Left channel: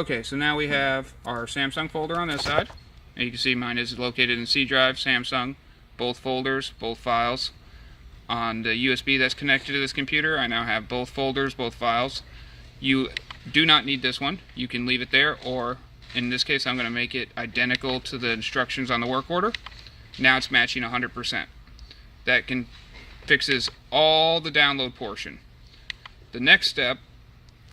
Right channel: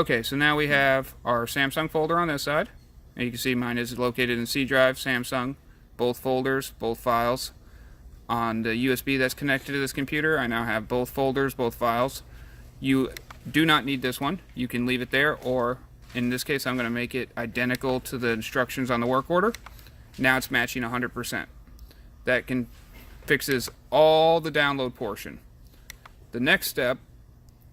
Okay, so now we have our Samsung folder on this side. And you can see mine is located in C drive, Samsung, both folders, both files. On the USB that's connected to this computer, I now have both folders, both files. You do not need this one. You can leave it there, or in this case, I'm going to make it identical to the instructions on the work order. Now it's matching 100%. That fixes all the download portion. The next step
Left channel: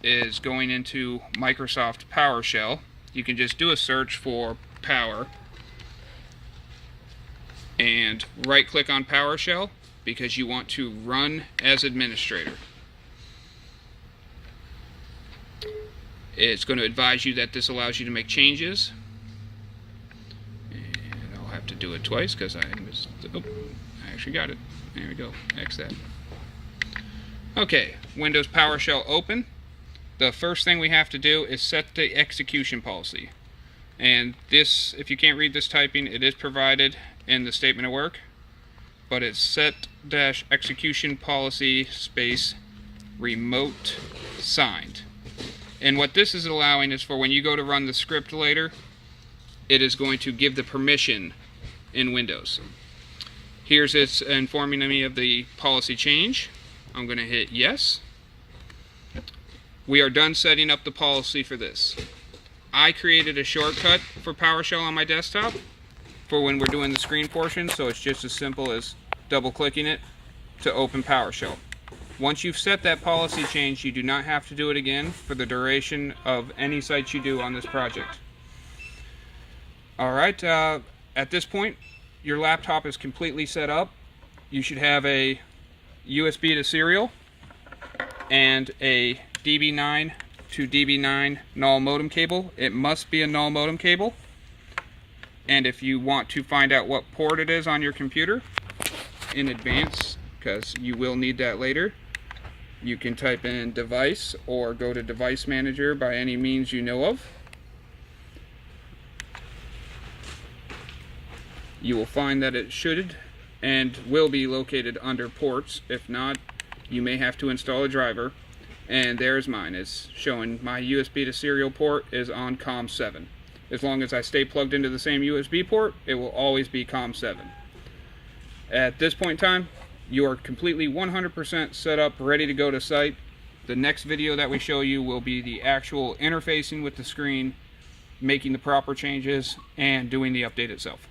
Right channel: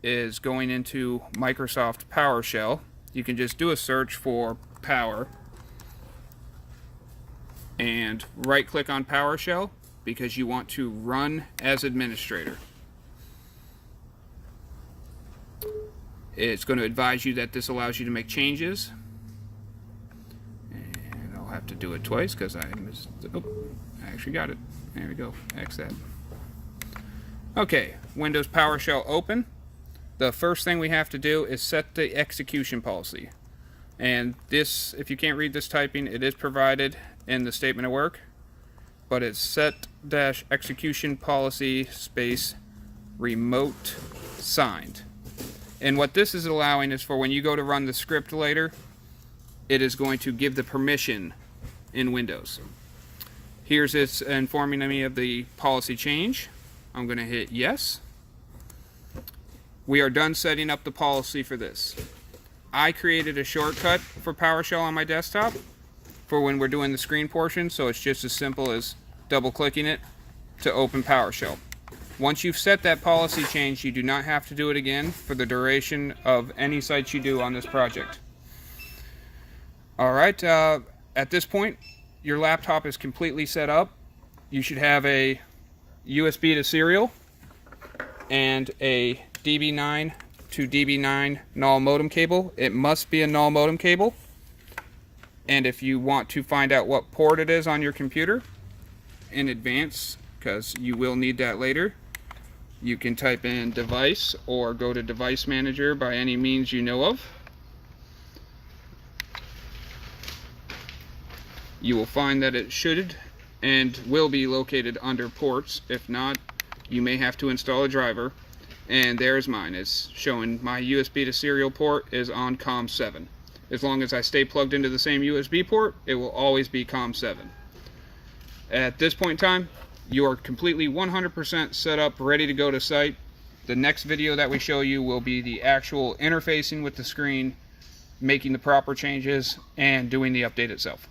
is going into Microsoft PowerShell. You can just do a search for Power and right click on PowerShell because you want to run as administrator. It's going to advise you that this allows you to make changes, and I'll have to do it twice because I actually got it. There we go. X that. Okay, Windows PowerShell open. The first thing we have to do is set the execution policy. And this, if you can't read this typing, it is provided in the statement of work, but it's set-execution policy space remote signed. And what this is allowing is for when you go to run the script later, it is going to give the permission in Windows. Here's it's informing me of the policy change. I'm going to hit yes. We are done setting up the policy for this. I created a shortcut for PowerShell on my desktop for when we're doing the screen portion, so it's just as simple as double clicking it to open PowerShell. Once you've set that policy change, you do not have to do it again for the duration of any sites you do on this project. Alright, at this point, your laptop is completely set up. You should have a USB to serial and a DB9 to DB9 null modem cable. It must be a null modem cable. And if you want to find out what port it is on your computer in advance, because you will need that later, you can type in device or go to device manager by any means you know of. You will find that it should and will be located under ports. If not, you may have to install a driver. And there's mine. It's showing my USB to serial port is on COM7. As long as I stay plugged into the same USB port, it will always be COM7. At this point in time, you are completely 100% set up, ready to go to site. The next video that we show you will be the actual interfacing with the screen, making the proper changes, and doing the update itself.